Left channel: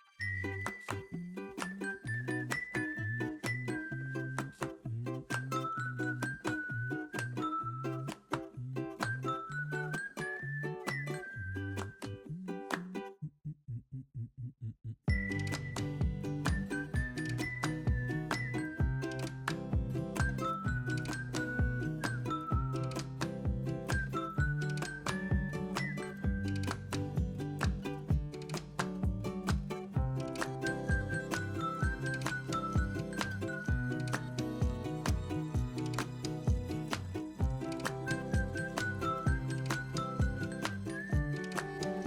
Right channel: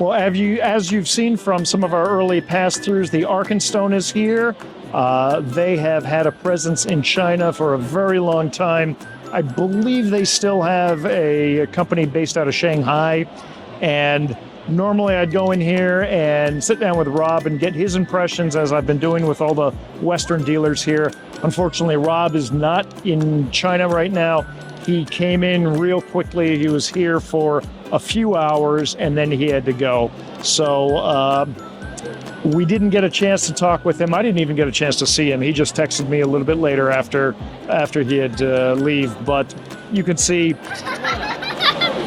Well, as you've seen from some of our early pass-throughs, the Arkenstone is here. They have had a presence in China for a very long time. I believe they still have a company based out of Shanghai. And normally I'd go in here and sit down with Rob and get his impressions, as I've been doing with all the Western dealers here. Unfortunately, Rob is not in China right now. He came in real quickly. He was here for a few hours and then he had to go. So we didn't get a chance to talk with him. I didn't even get a chance to see him. He just texted me a little bit later after he had to leave. But you can see,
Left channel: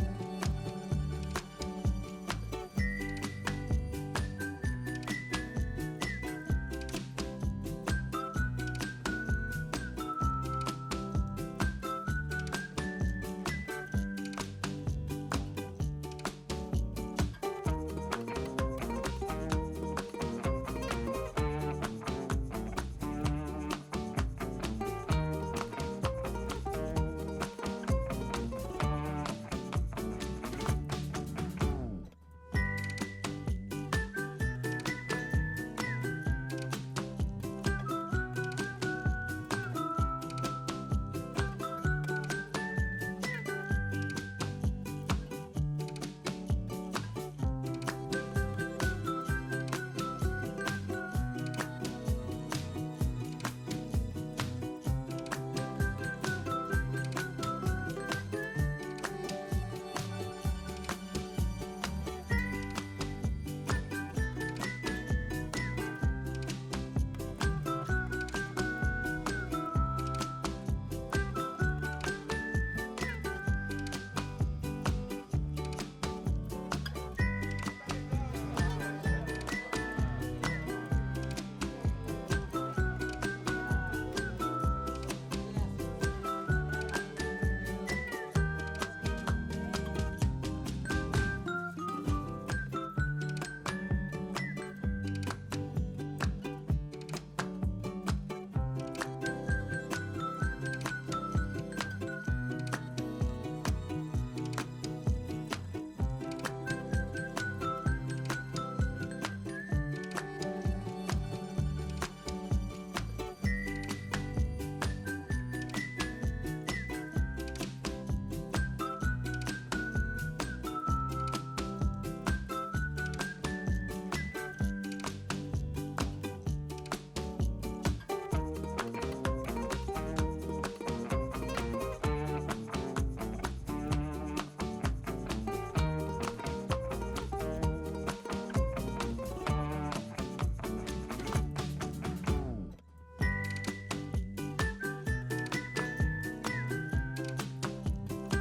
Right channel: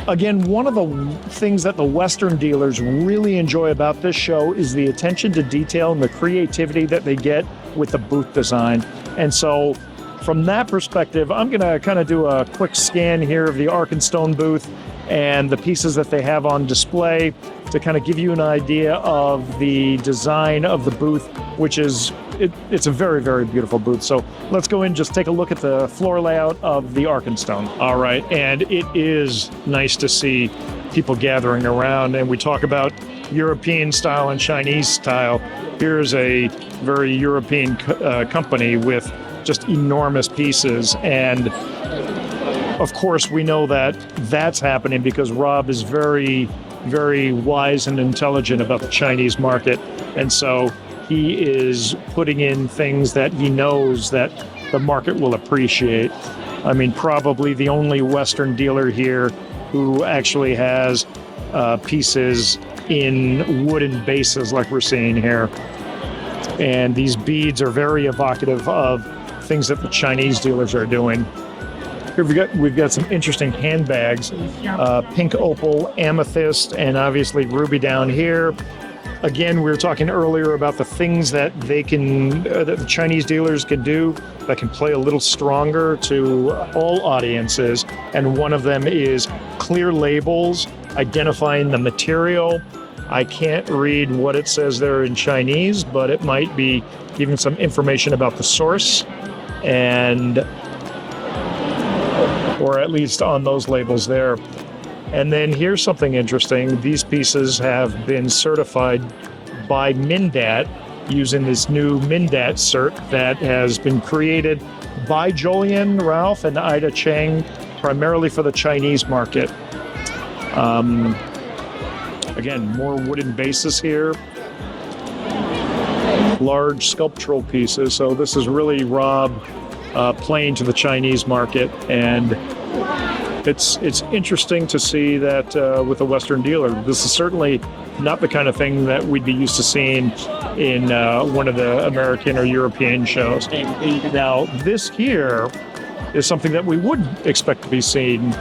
again, one of the things that the Western dealers really enjoy about this show is the attention to detail and the creativity that they get with the booth design. And so from that perspective, I'm going to kind of do a quick scan here of the Arkenstone booth and the pieces that they have on display to kind of give you an idea of the design of the booth, which is, it's a very, very beautiful booth. So let's go in and just take a look at the floor layout of the Arkenstone. All right, and it is nice to see people gathering around, and we talk about European style and Chinese style. Here's a very European company with just enormous pieces, and of course we know that that's happening because Rob is very, very wise and intelligent about the Chinese market, and so he is putting in things that he knows that the market will appreciate. I mean, probably the only Western dealer here who actually has pieces in wooden bases like we're seeing here. And these beads are very evocative of things that the Chinese dealers are doing. Here we've got some interesting handbags, pink opal, amethyst, and obviously ruby down here. Again, we were talking earlier about the things that they can, that the Chinese dealers can do that can play a little stronger to all audiences. And one of them is clear labels, identifying the material. I can't read what it says there in Chinese, but it might be giving some information about the source, and or at least on those labels there. And then here's something interesting. These pieces have been certified by Mindat using this new Mindat cert that has been created by Jolien Ralph and Ida Cheng, primarily for the Chinese market. Again, more wooden bases here, large sculptural pieces. So this is really Rob playing to the Chinese market, and it's interesting to see that with a Western dealer. This is certainly not the kind of thing that we'd be used to seeing in one of the American or European shows. Now, this here is something that we would expect to be seen.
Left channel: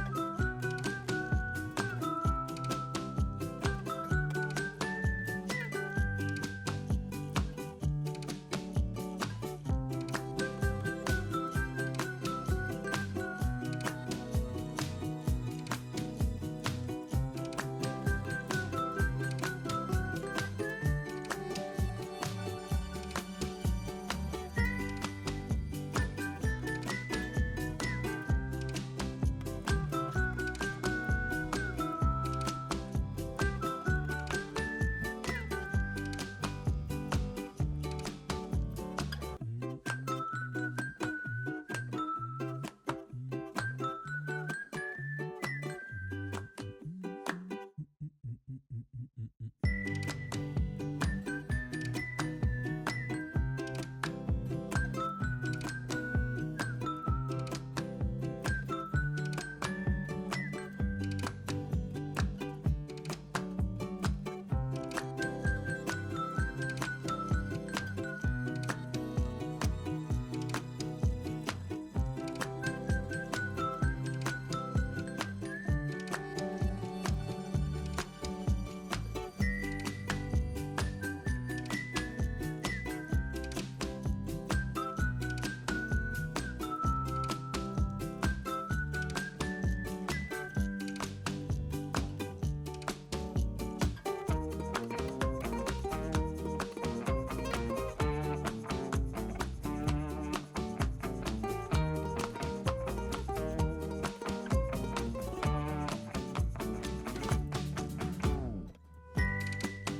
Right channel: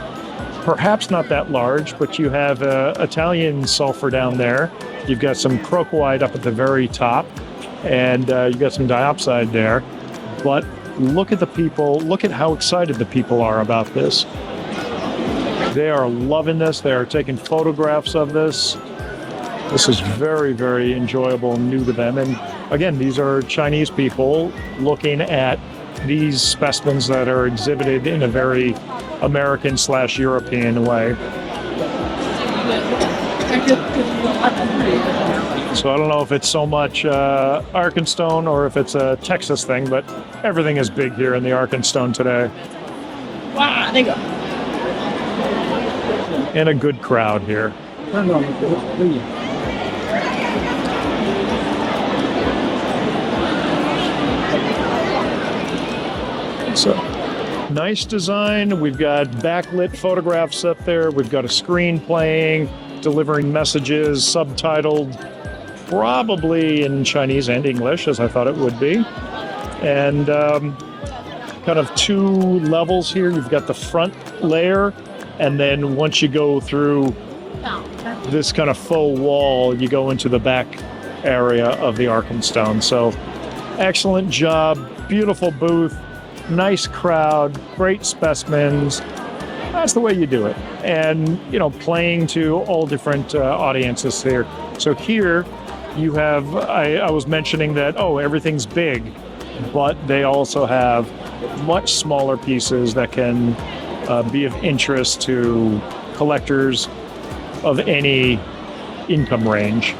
Perhaps not that large, but you have Italian sulfur down there. You've got some crocoite up at the very top, and you've got some diopside there. But look at the people, look at how excited the people are about this. They are loving this. They are taking photographs of this. This is very, very enjoyable and new to them. And again, these are Chinese people looking at these specimens that are exhibited in a very American/European way. So I don't know if it's so much Arkenstone or if it's a Texas thing, but everything is big here in the Arkenstone today. And a good crowd here. So, nice design. We've got backlit photographs up there. We've got a screen playing, delivering messages, subtitled, probably in Chinese and English, as I thought it would be. And kind of two levels here. You've got the front layer, and then once you go through this kind of faux wall, you go into the back area of the Arkenstone. So, excellent job, beautiful booth. Nice crowd, great specimens. That's the way you do it. And, you know, playing to all different audiences here. So here you have, I was mentioning that, oh, everything's big, but they also have much smaller pieces that can be of interest to collectors of any income range.